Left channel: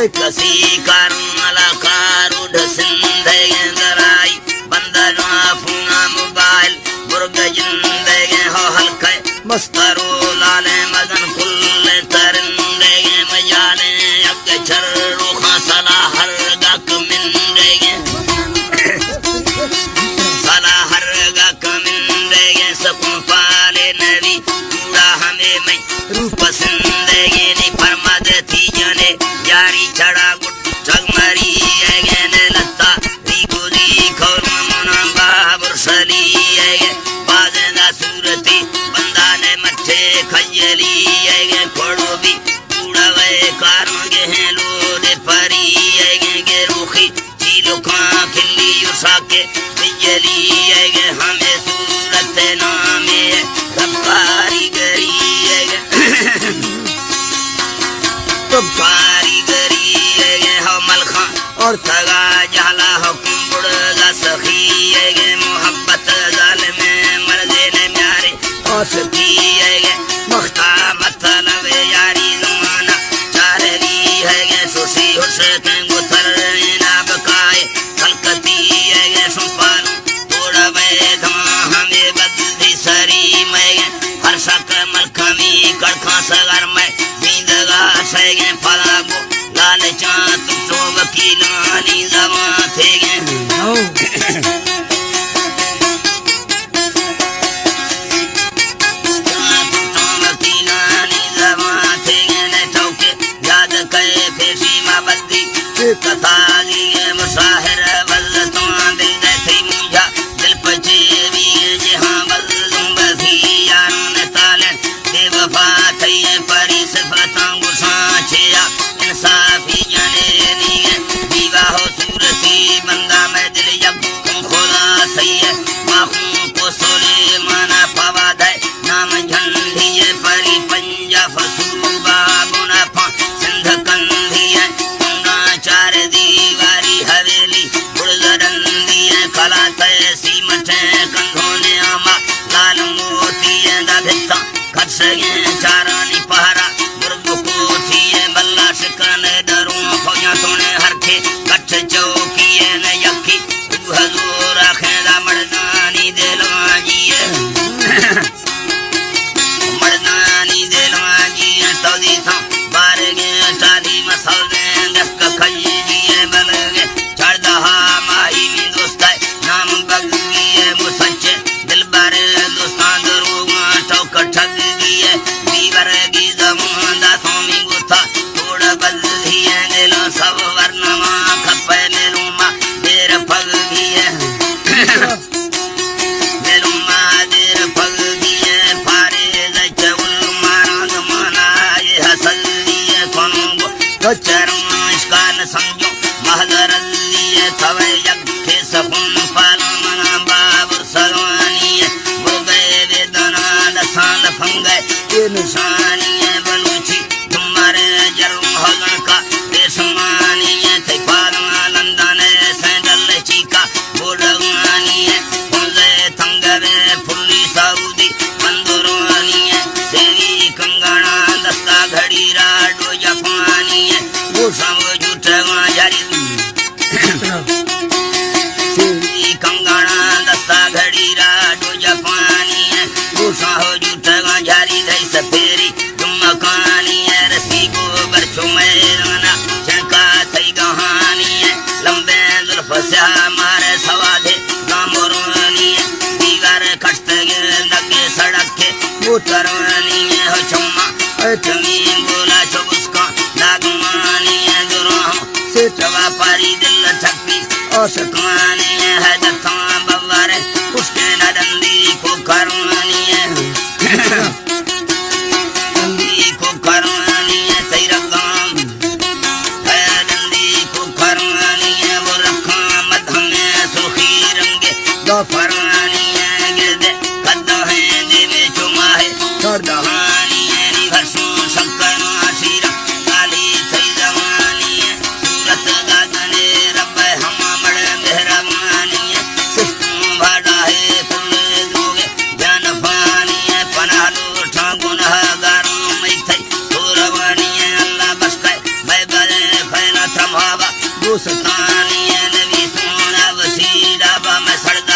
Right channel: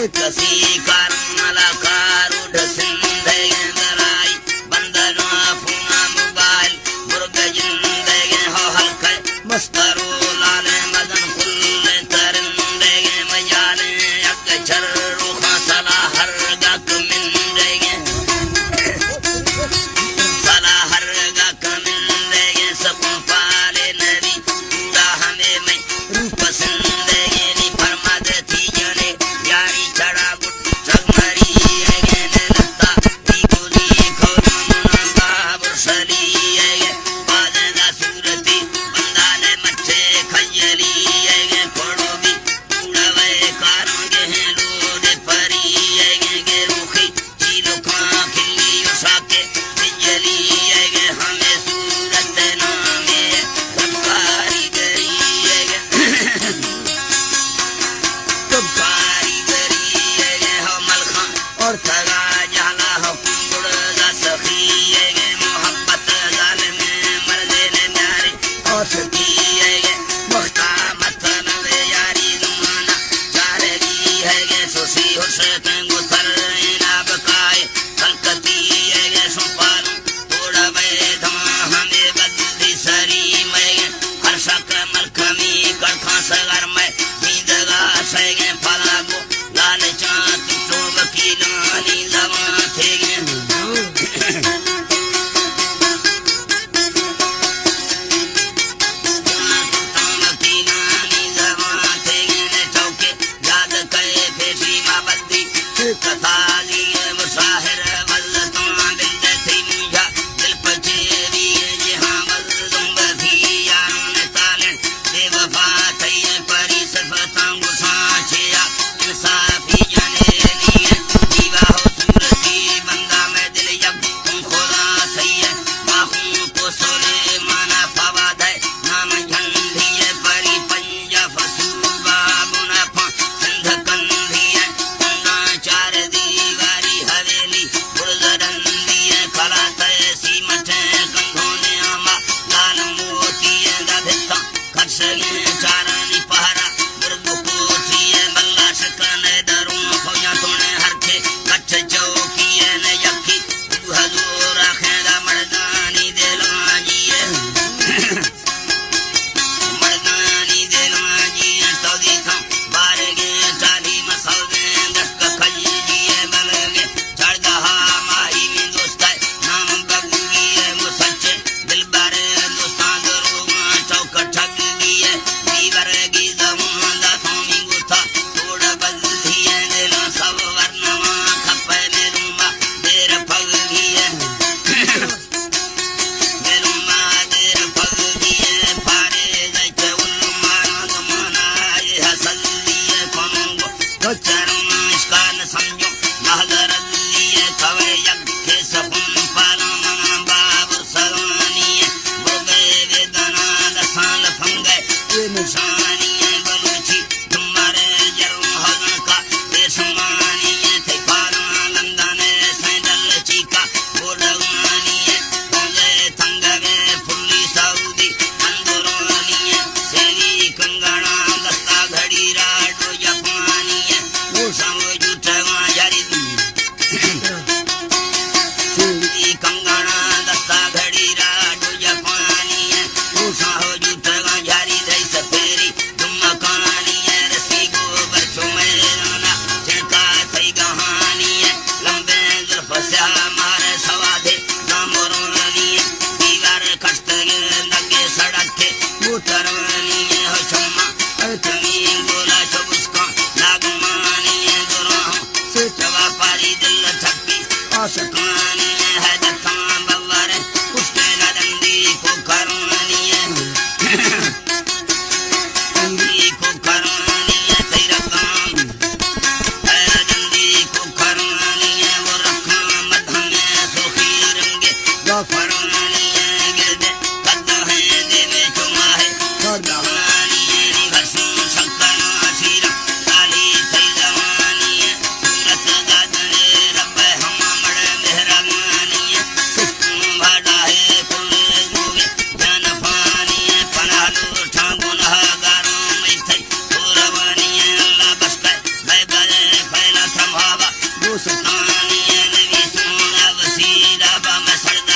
कसी करमला कारुड सिंधे दराई बंदना fauna mobile बुर्ग जिंदे हो हल्के मस्तरो लाले मगन कुल तरंदे मयाले अगे चर रूखा सला हर गक मिंदे सला हर गक मिंदे सकूं पाले नबी पूरा हमें मैं रूप सिंदे नी फरमाद थी जने यारी चढ़ा गुट चगमरी ऐगे लत्ता रीको दी खोलम बाबुर सली ऐगे बाजना सूरती बंदा ने मच्छे खजली ऐगे खोड़ो भी उड़ावे कारोंगे हैं लोडे परी ऐगे गे रूखी चीलो खां खिल्ली उसाके बिजली ऐगे हमें सूरत नामे रब्बारी गरी ऐगे तो कारीगरी है हमल खां और तगा जाला हुक्म बुड़गा सखी है मोहब्बत जालिम मर्दे ने न्यारे और सखी है मुख्ता मतलब यारी ज़माना चाररी है सुसी हुसैन गुथर ना बकाए कलकती है सुपालू तोड़ा बैधा हमें बदली सरी मैं हर सकर मलखमी कड़खा सगर में सगे फलागो लाल चांद तो वकीलानी जमा थे गे वकीलानी जमा थे गे ने चौके याद करे फिर सीमा बद्दी कथा लिए मुसाहिर बल्लतों दिल दे थी मुझा दिल पचे भी जहां बल्लुम बधी यारों ने तालन बेवफा थई परी सिफतां छेया इंसाफी जाने लिए दीवा हो सूरती बंदा में दिल जब खोला सही है माखूं को सोले माना फवाद है नाम झंडी है परी पंजा फसूबा बुना फा सिंध कंधी है चुना चार दीवारी हवेली बुड़दरंदी है कला तैसी मठे कंधों ने आमा लाल मोती है दा खटसगे चारानी पहरा कने डरूं फौजा तोने हरखे कच्छ चौकी ने यखी हजूर खेदा मर्दानी दिलवाजी मर्दानी दिलवाजी तौदी था बारगे चाली मसौदे दक खजी दिए बलगे चढ़दहा माही में दोस्त नाम बगी मुसच्चे दिल बारे दोस्तां दरूगा चौक ठग दिए दीवर की जमान दा सोमी गुथा बदली है नीला सब वर्णमा खपे नीलुमा देर पग भी है नीलुमा देर पग भी है फारे दचे उल्माना जमाना ये हसल दिए कौनों को चरमा इसका न समझो महजर दिए थवे यज्ञ सपुन पाला मना बाबुर सलवानी है बुर्गे वेदना दसान फंगे ये निशानी है बलूची तुम्हारे जरूर होगन का बेसमानी है थे पालना लंदन सैंडल चीका बोलवानी है पौधे तंगरे फुल्ली सऊदी बंदुरानी है सेवी कंगना दस्ता घड़ी राडो जापानी है वो सब जुटवा जारी सेवी कंगना दस्ता घड़ी राडो जापानी है वो सब जुटवा जारी दई सफेरी मकानी है रसी गोबर चुमेराना चढ़का थई कहानी है लंबे जुल्फ से हमारे सवादे गामुरानी है दीवार खट लगे सड़क थे मोटरवानी है हो चम्मा तुमी बोला चुबुस्का लागमानी है दुराह से चवा पारी दिल छपी और सकवानी है जत्ता बवारे उसके नडंदी को करवानी है फरमानी है गिरदे कद्दो है देवे चुमाहे छोड़ दहानी है निभरसों सकना थीरा काली थई जवानी है सूरत गाजने रब्बे हम मड़ मेहरबानी ਉਸ ਥਾਨੀਏ ਨਵੀ ਸੋਹਣਾ ਵਸੀਰਾ ਬਾ ਮੈਂ ਸੜਦਾ